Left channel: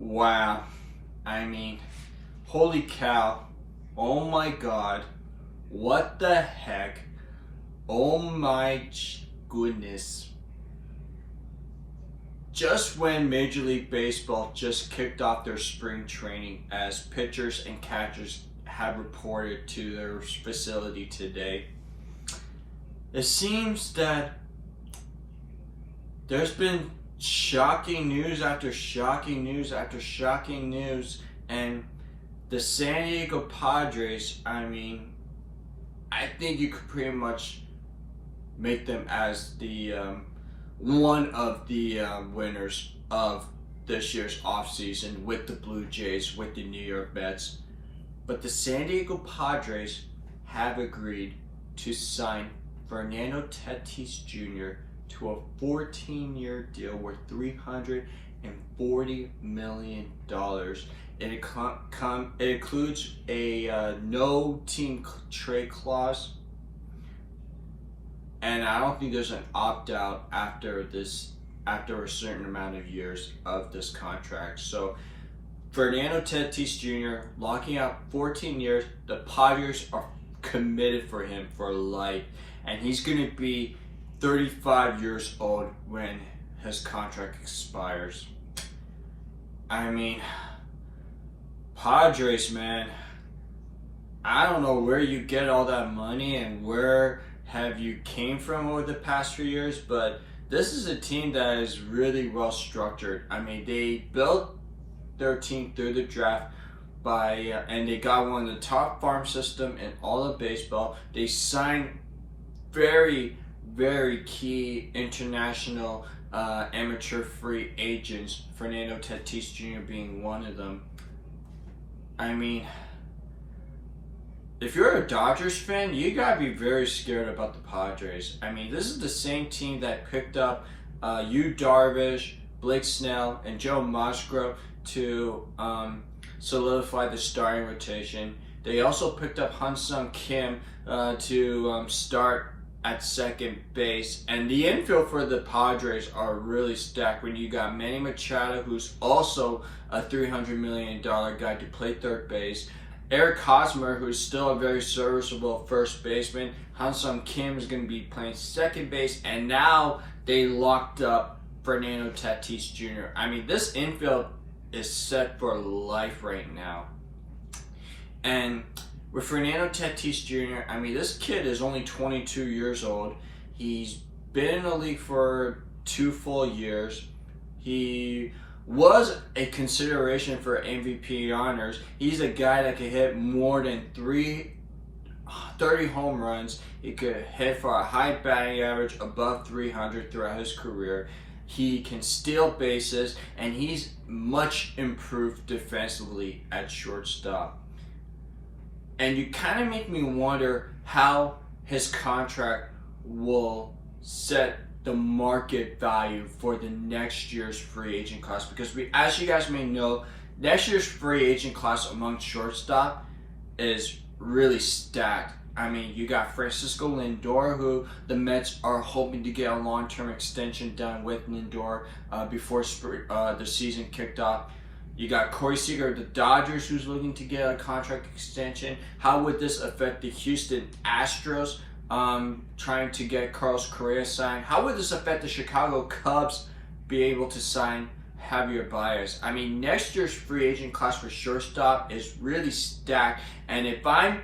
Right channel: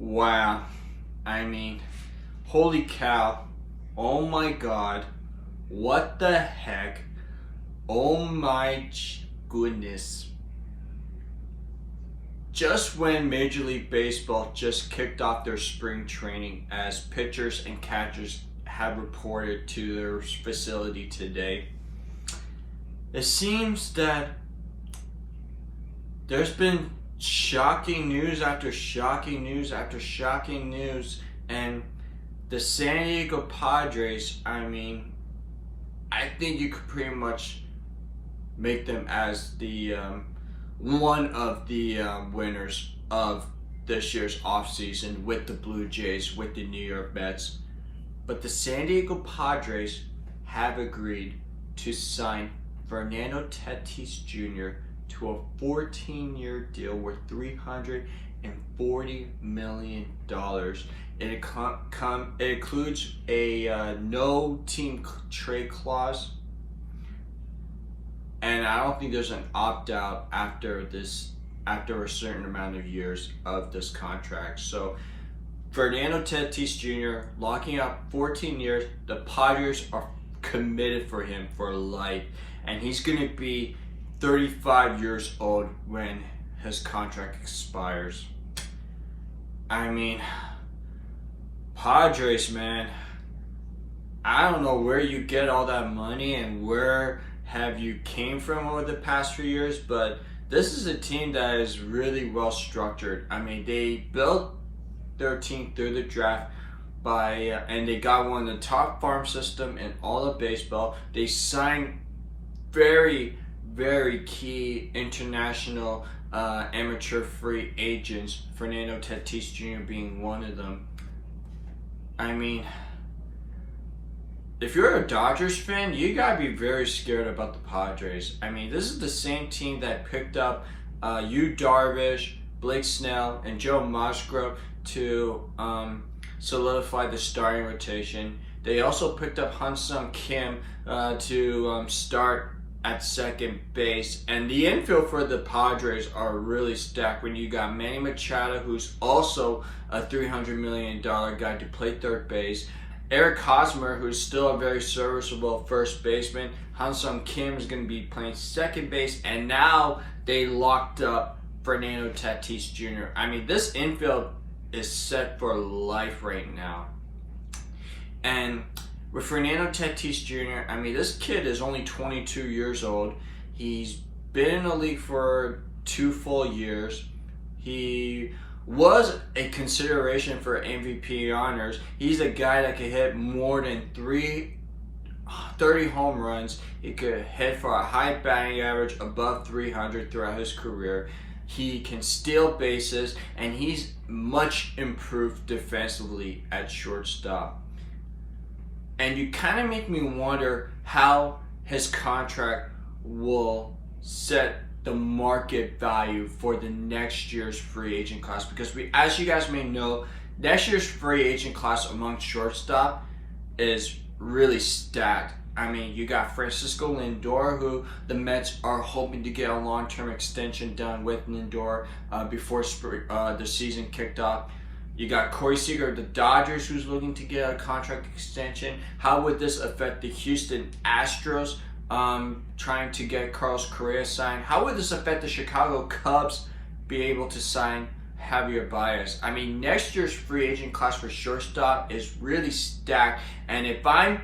Wow. I mean, holy cow. Oh my god. What the heck? Oh my goodness. Just when Major League Baseball just kicked off their spring training, as pitchers and catchers have reported to their facility today, it seems that there's been shocking news after shocking news after shocking news, and the San Diego Padres, I think you could pretty much make them as the one of the winners of this year's offseason with the Blue Jays, with the New York Mets. But the San Diego Padres have agreed to sign Fernando Tatis Jr. to a 14-year deal worth $340 million. It includes a no team trade clause, and I don't think there's an opt-out after a certain amount of years of this contract. So Fernando Tatis Jr. locking up 14 years. The Padres are committed for him for life, and he's going to be 35 years old when his contract expires. I mean, Padres, man, I don't know where you get all that money and where have you came from over the past few years, but this is a team that is really well structured. I mean, they built their team through the draft and they got one of the top farm system in all of baseball. They signed very, very key international amateur free agents, Fernando Tatis Jr. being one of them. I mean, if you're a Dodgers fan, you gotta be very scared about the Padres. I mean, this is the same team that picked up Yu Darvish, Blake Snell, and Joe Musgrove to solidify the starting rotation. They also picked up Han-Sung Kim to start at second base. And the infield for the Padres are really stacked when you got Manny Machado, who's also a $300 million guy to play third base. Eric Hosmer, who's still a very serviceable first baseman. Han-Sung Kim is going to be playing second base. And now they locked up Fernando Tatis Jr. I mean, this infield is set for life right now. And with Fernando Tatis Jr., I mean, this kid is only 22 years old. He's been in the league for 2 full years. He was a consideration for MVP honors. He's a guy that could hit more than 30 home runs. He could hit for a high batting average above 300 throughout his career. He can steal bases, and he's much improved defensively at shortstop. And you kind of make me wonder how his contract will set the market value for the next year's free agent class, because as you guys may know, next year's free agent class among shortstop is really stacked. I mean, you got Francisco Lindor, who the Mets are hoping to get a long-term extension done with Lindor before the season kicked off. You got Corey Seager of the Dodgers, who's looking to get a contract extension. How would this affect the Houston Astros trying to get Carlos Correa signed? How would this affect the Chicago Cubs be able to sign Javier Baez? I mean, next year's free agent class for shortstop is really stacked. And if I'm,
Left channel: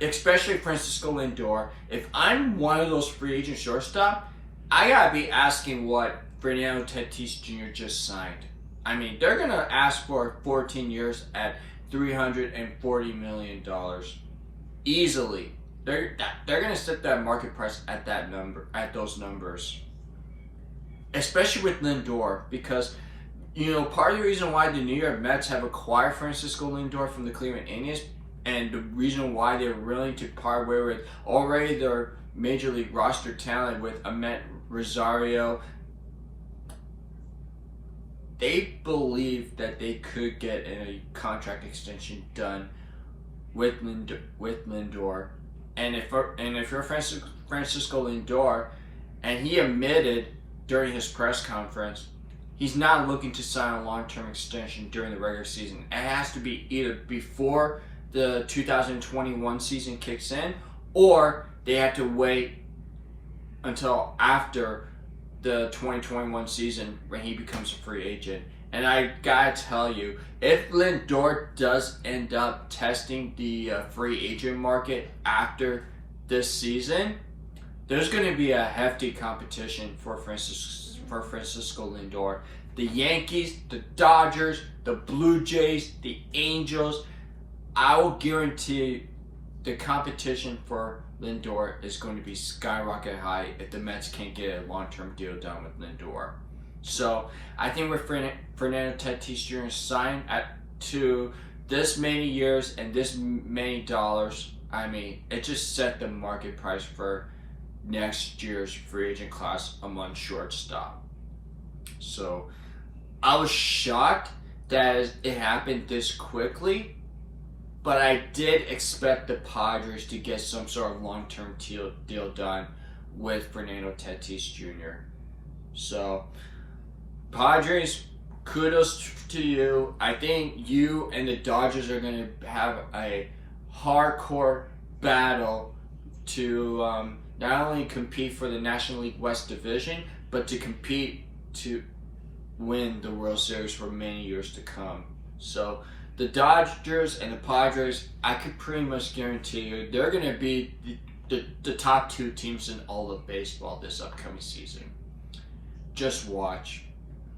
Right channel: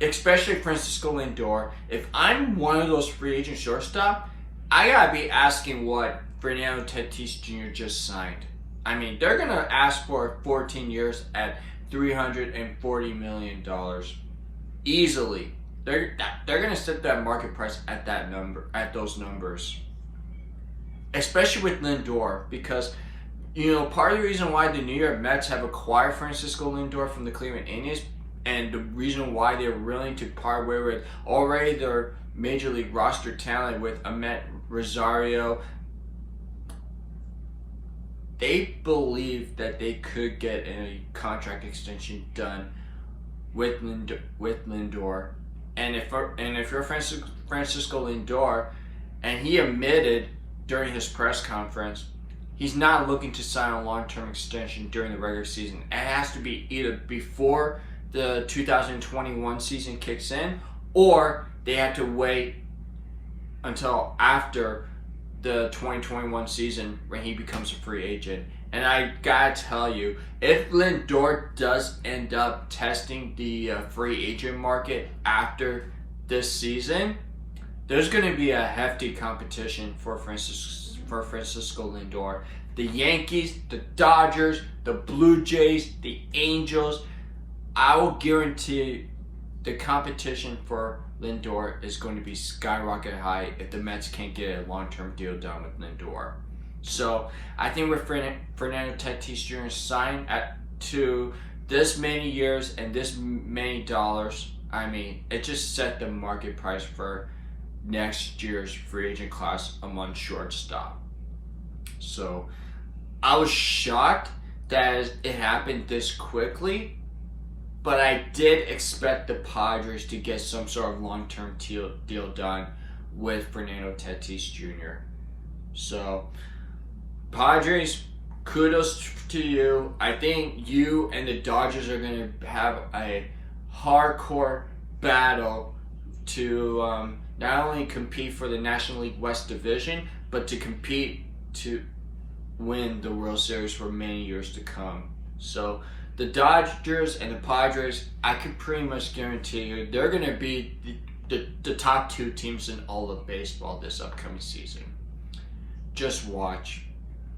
especially Francisco Lindor, if I'm one of those free agent shortstop, I gotta be asking what Fernando Tatis Jr. just signed. I mean, they're gonna ask for 14 years at $340 million easily. They're gonna set that market price at that number, at those numbers. Especially with Lindor, because part of the reason why the New York Mets have acquired Francisco Lindor from the Cleveland Indians, and the reason why they're willing to part way with already their major league roster talent with Amet Rosario, they believe that they could get a contract extension done with Lindor. And if you're Francisco Lindor, and he admitted during his press conference he's not looking to sign a long-term extension during the regular season. It has to be either before the 2021 season kicks in, or they have to wait until after the 2021 season when he becomes a free agent. And I gotta tell you, if Lindor does end up testing the free agent market after this season, there's going to be a hefty competition for Francisco Lindor. The Yankees, the Dodgers, the Blue Jays, the Angels, I will guarantee the competition for Lindor is going to be skyrocket high if the Mets can't get a long-term deal done with Lindor. So I think with Fernando Tatis Jr. signed to this many years and this many dollars, I mean, it just set the market price for next year's free agent class among shortstop. So I was shocked that it happened this quickly, but I did expect the Padres to get some sort of long-term deal done with Fernando Tatis Jr. So Padres, kudos to you. I think you and the Dodgers are going to have a hardcore battle to not only compete for the National League West Division, but to compete to win the World Series for many years to come. So the Dodgers and the Padres, I can pretty much guarantee you, they're going to be the top two teams in all of baseball this upcoming season. Just watch.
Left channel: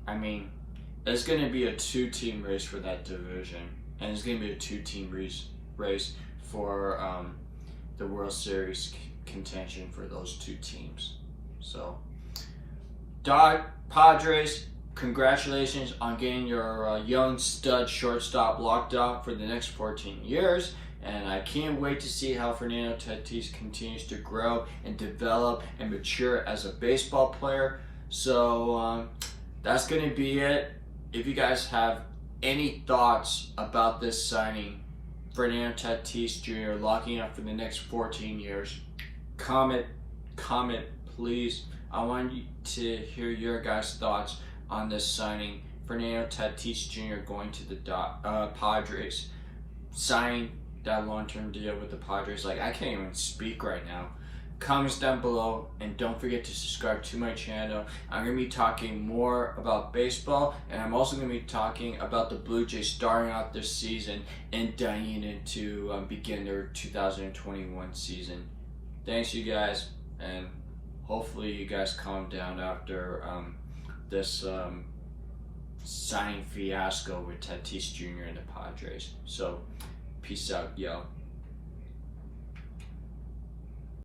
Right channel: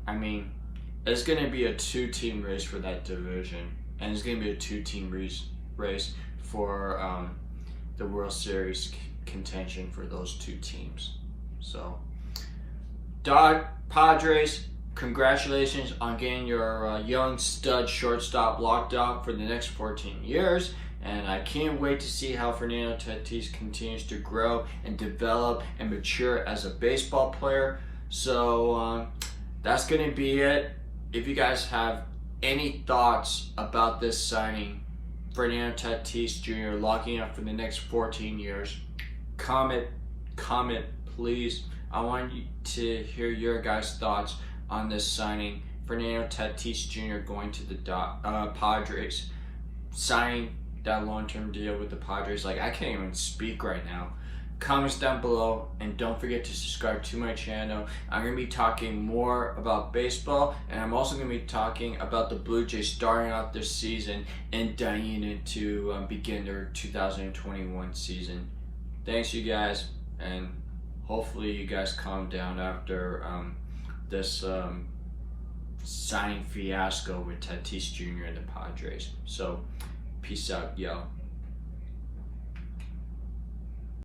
I mean, it's going to be a two-team race for that division, and it's going to be a two-team race for the World Series contention for those two teams. So, Padres, congratulations on getting your young stud shortstop locked up for the next 14 years. And I can't wait to see how Fernando Tatis continues to grow and develop and mature as a baseball player. So, that's going to be it. If you guys have any thoughts about this signing, Fernando Tatis Jr. locking up for the next 14 years, comment, please. I want you to hear your guys' thoughts on this signing. Fernando Tatis Jr. going to the Padres, signing that long-term deal with the Padres. Like, I can't even speak right now. Comments down below, and don't forget to subscribe to my channel. I'm going to be talking more about baseball, and I'm also going to be talking about the Blue Jays starting out this season and dying into begin their 2021 season. Thanks, you guys, and hopefully you guys calm down after this signing fiasco with Tatis Jr. and the Padres. So, peace out, yo.